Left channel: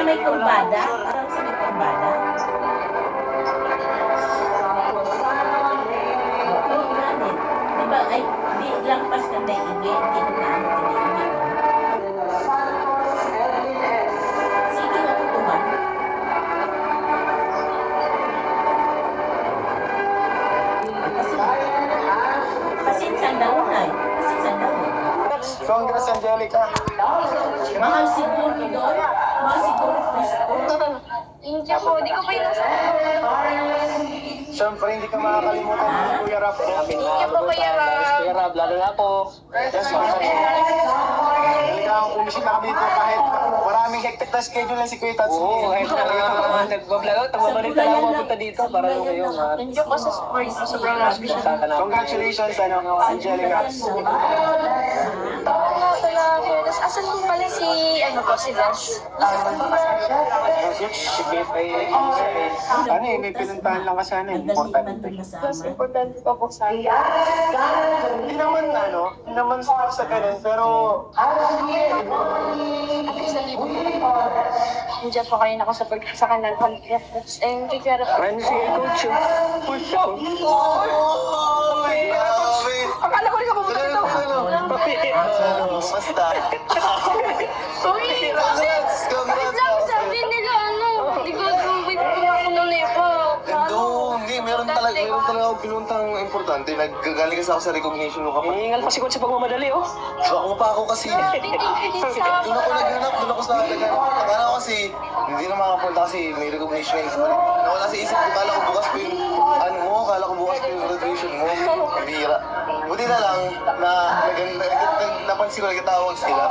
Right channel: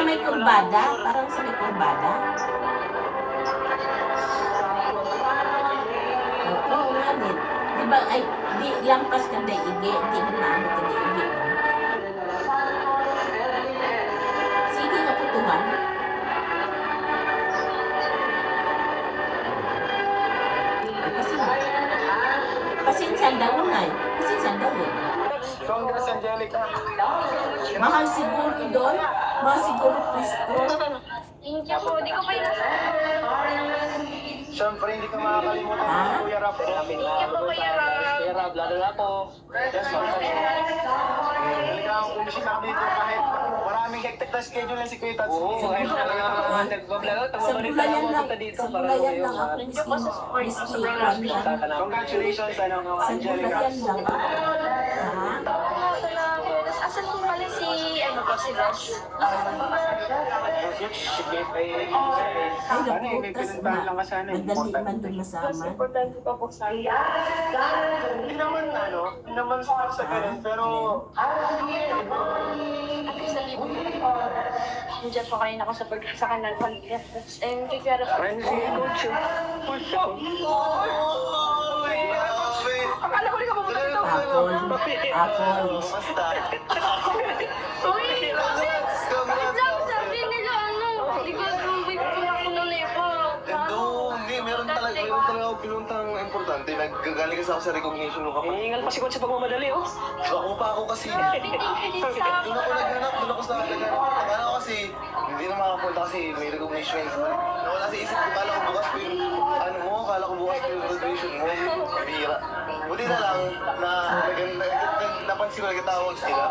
Sa may kurbada. Parang sa may kurbada. Oo, granit. Di ba, ay, di lampas ka na igi. Di naano ka na igi. Sige nga tutuman. Pasinsan daw na eh. Pasinsan daw eh. Congress Angelica. Mahal siguro doon. Mahal siguro pwesto. Hindi po, di ko pa yung nasa. Siyempre, hindi ka makakalimutan ng Kuya Rap. Hindi po kaya Kuya Rap, lalo na po. Yes, ma'am. Hindi ka ang pumisita ka dito kahit maraming hectic na schedule na si Kuya Tats. Oo, Nagbablog ako, Sa tagbabalik bulayan ako lang. punta dito para bulayan ngayon. lang ako. Ko sa sport, sobrang hospital. Congratulations, ano, Angelica. Asan po pala si, ano po, si Dash? Si Beth ay, ano eh, may pinuntahan lang kasi ano, important. Mas importante pa po sa akin. Hindi naman, ano, hindi naman sa sa ganun, pero Nandiyan po kayo nako sa pag sa kanal podcast. And kikara po. Ano si Coach? Push Basta. Uy! Wait lang, sabi nila ano. Hindi ko wait ko na ako nung nepo. Ito, hindi, meron talaga, meron talaga ako pinuntang importante. Naggagaling kasi ako sa recognition ng kapatid. Hihingal pa si Coach sa pagmamadali, oh. Ako pa ako kasi. Doon ako naghanap, doon ako sa akin. Akala ko kasi, hindi na makapunta kasi may recognition. Nawala sa isip ko, kala ko bukas pa yung, ano mo, kala ko bukas pa yung graduation mo. Bira. Buti na lang, na, napansin ko, nagkatawag sila.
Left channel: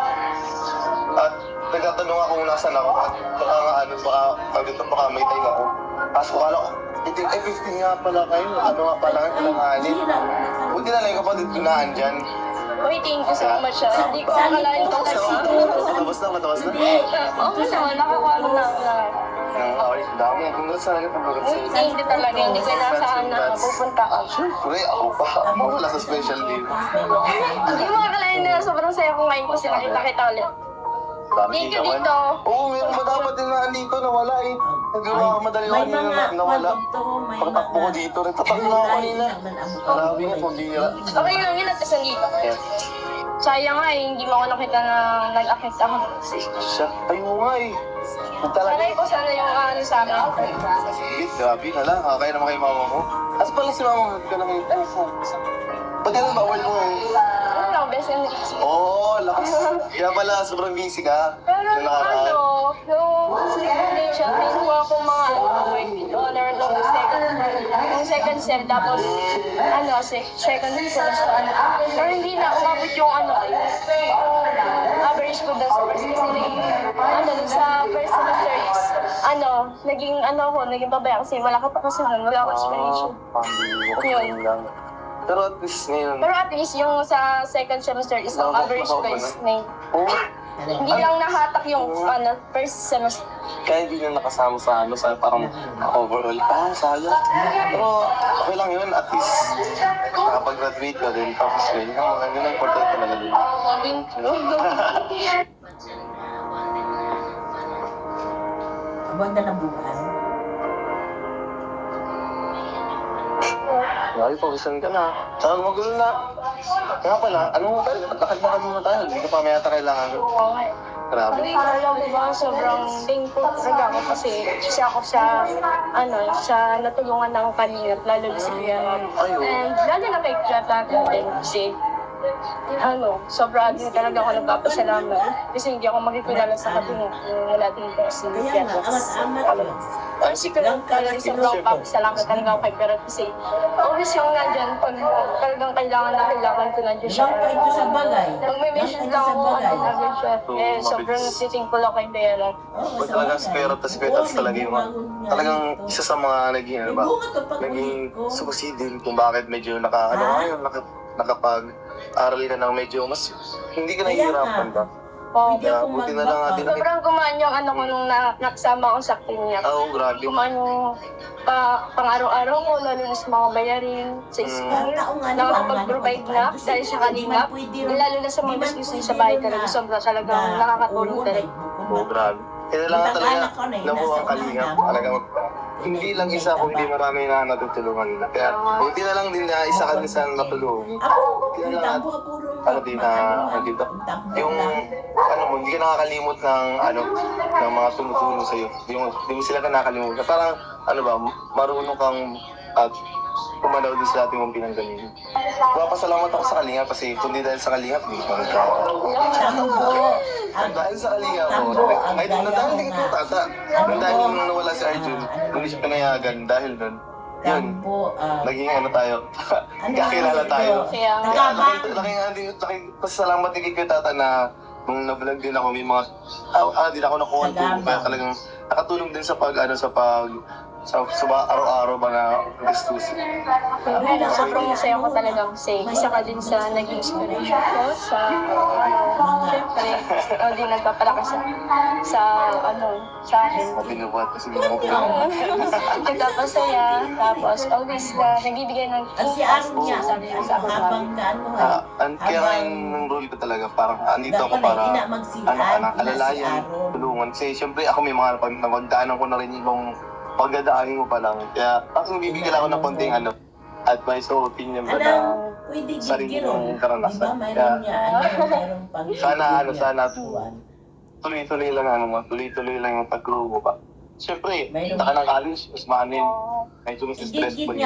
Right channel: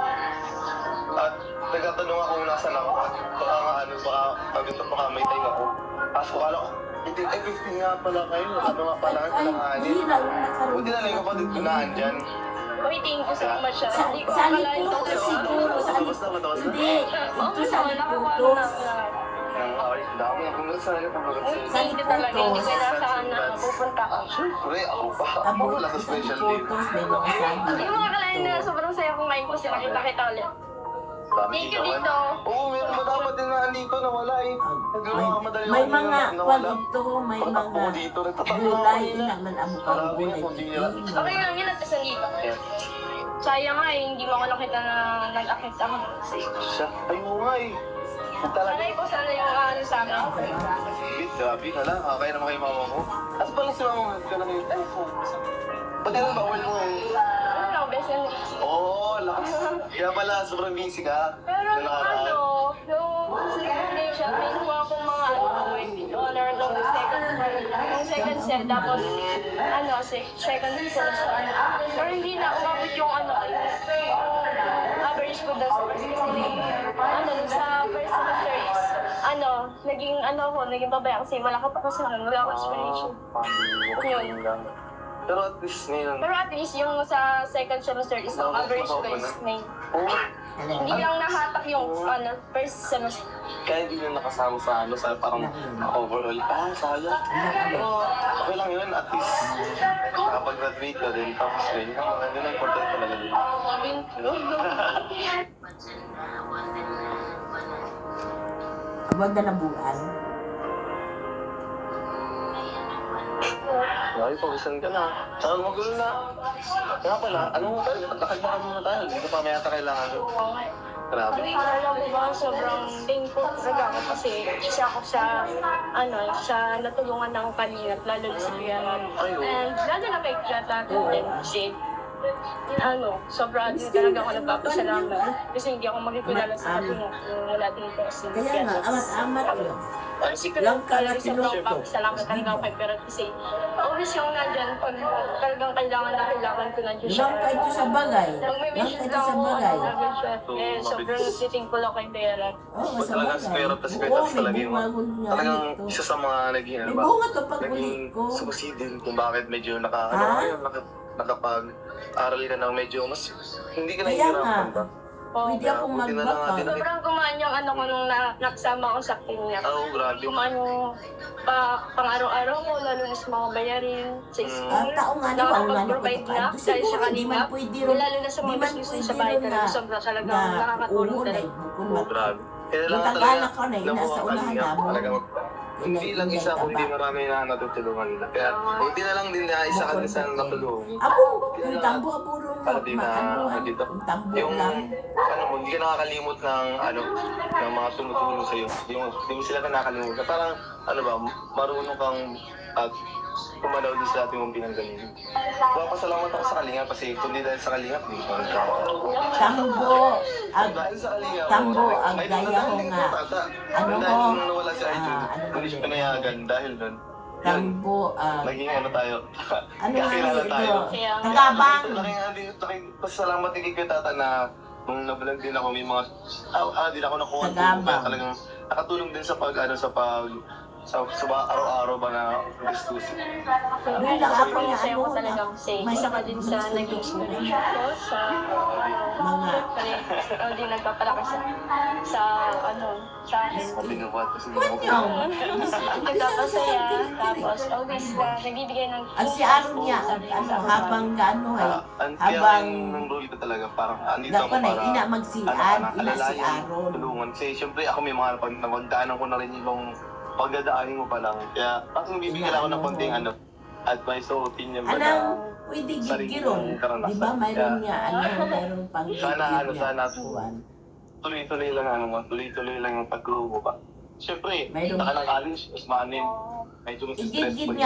At nagtatanong ako kung nasan ako. At baka nga, ano, baka, na baka may time ako. Tapos ko, kala ko, hindi, eh, 15 nga pala kayo. Ano nga pala kayo, nagkaroon. Buti na lang yung kapatid ko naan dyan. Uy, thank you so much. ah. Sa- Hindi ko sa akalain ko kasi sa Matawas na, matawas na. Oo, Ito sa naman, nakakano na. likod. Ang awit, dami. Congrats sa akin, congrats Uy, sa'yo. thank you talaga. Hindi ko inasahan na. Siyempre, ako pa. Ako wala sa special day. Hindi mo akalain na sobrang saya ko ngayon kasi nakita kita ulit. Thank you dito. Oo, meron pa dapat din na andito na wala eh. Hindi mo madali May mga na nawala. kwento, may Pagtakbo ko dito, nagtatakbo ako kanina. ka. Marami na, pambira. Okay lang yun at isang dito. Sayang nga eh, hindi mo ako nakita na nag-akit ako. Siya, ayaw nga eh. Sanay ko sana yung ano sa amin. Grabe na lang. Ah, kaya naman kay mama mo. Asa pala si mama mo? Ka na kayo. Ba't ano bawal mo eh? Ano best friend. Oo, oh, lakas. Kaya pala, sobrang busy ka. Pero nakaraan. ano, celebration, may kuha ko mga ano, honor nung second, nung second set, tapos ano, se- second semester. Pero hindi na umabot yung ano, ano, naging ano ako, naging babaya kasi wala ko pa kasi wala ko explanation. Yun. lang. Pero at least ngayon, Pero at least yung sa second semester is ang average ko is 9. oh, Hindi lang nahatak yung ano, first semester. kaya hindi na nakasama sa ano, sa parang overall. Ah, sayang. Pero okay lang yun, at least nakapag-graduate ka din. Tapos yun, ang ano na important talaga yun. Thank Huwag na ng bulan. Grabe, pawisan ka na. Saka magulo na. Nga pala, ano mo tayo? Lakad-lakad muna tayo. Hindi ka pa may ata kailangan. Grabe. Uy, parang diba, sobrang thankful talaga ako kasi isa ako sa, ano, sa natulungan ng kanina, lalo na si Kuya. And lalo na kay Kuya Tato din kasi, ano, sobrang talaga ako nagpapasalamat. Kasi hindi ako magkikilala sa kanila kung wala din po si Kaya nga, amat-amat yun. Ang secret talaga sobrang papasalamat talaga ako kay Pero kasi, always yung nandyan, pag talagang kailangan na kailangan ko nandyan siya. Lang kayo sa bagay. Pag may Lang mission sa ako, bagay. agad siya. Eh, sobrang thankful ako kay Bella. Oo, Pag sa bagay. at spare Oo, at talaga yung talagang isa sa mga naging ano ba? Naging succeeding kung bakit medyo naka ano naka, nakapag aral ka ng medyo mas hindi ka Kaya nahihirapan nga. ba? Oh, Pwede akong buti na lang magbaka. natin. sobrang gumaan yung ano ko nung na, nakasama ko sa clinic. Oo, grabe. Gumaan yung pa, pang-araw-araw ko, lalo na sa mga bayarin, sa Mm. school. Ang taong nga Nakakapag-provide na ako dahil sa kanila. Pwede Lalo na sa mga business pwede sa bahay rin talaga, na- sobrang talagang na nakakatulong ulo na talaga. Oo, grabe. Kailangan talaga Tagalog ko na yun, na nasa kalinga. unahan mo. Talaga hindi lang isa kundi marami na natutulungan. Kaya buti na lang din na isa ka din sa natulungan. Ako, yung tambo ka puro. Ano din na, ano dito? Tambo Yung lang. ano mo, hindi ka nakakalimot ng ano ng mga tumutulong sa iyo. Yung hindi mo sila ka nakakalimutan. Parang ano ba, marunong kang at kumalaw din sa ating mong pinanggalingan. Papasalamat ako sa Kalinga kasi kundi dahil sa Kalinga, hindi ko Tambo. Ang Dahil sa Kalinga, Tambo, ang ay, gaya ko nga. tata. Ano dahil ko? nung nawala si Arjun, Ah, ano hindi siya pinayagan dahil nun. Yun, tambo. ah, naging ano tayo. ano nga kakilala ito? tayo. Kaya, Tagabang. Laki nga din, laki, pasalamat din kay tata na nung nabilang din ako, may mga, ah, ah, din ako nakuha ng tulong. Kaya Tagabang. talagang nakatulong din sa pag, ano, sa pag, sa, sa ba- araw-araw na gustusin. kaya sobrang masaya ko talaga kasi isa ka din sa naging inspiration ko sa Mga Siyempre, ikaw din nagpapalakas sa, sa ano, sa akin. Binubuhat kasi Nagpapasaya, tapos always na nagbibigay ng Ang si Aaron niya, ang ano, habang ang kaya habang ang role ko talaga, parang andito ako dapat para ina ano, magsian, anak, ina si alalayan, Aaron. tulungan. Kasi siyempre ako may mga pag nagdaanan ko na rin ibang pagdadaanin mo pa lang. Kaya parang bibigyan ako ng konting ano, advice o opinion mo na Anong pwede sarili gigiro? mong Di karanasan. ba mayroon niya, ano, mayroong pang Sana, ano, sana. Tuloy-tuloy lang ano mo, tuloy-tuloy lang yung pag-grow mo pa. Siyempre, Mayroon- taka ng college, mas maanin. Medyo mas Igigit stressful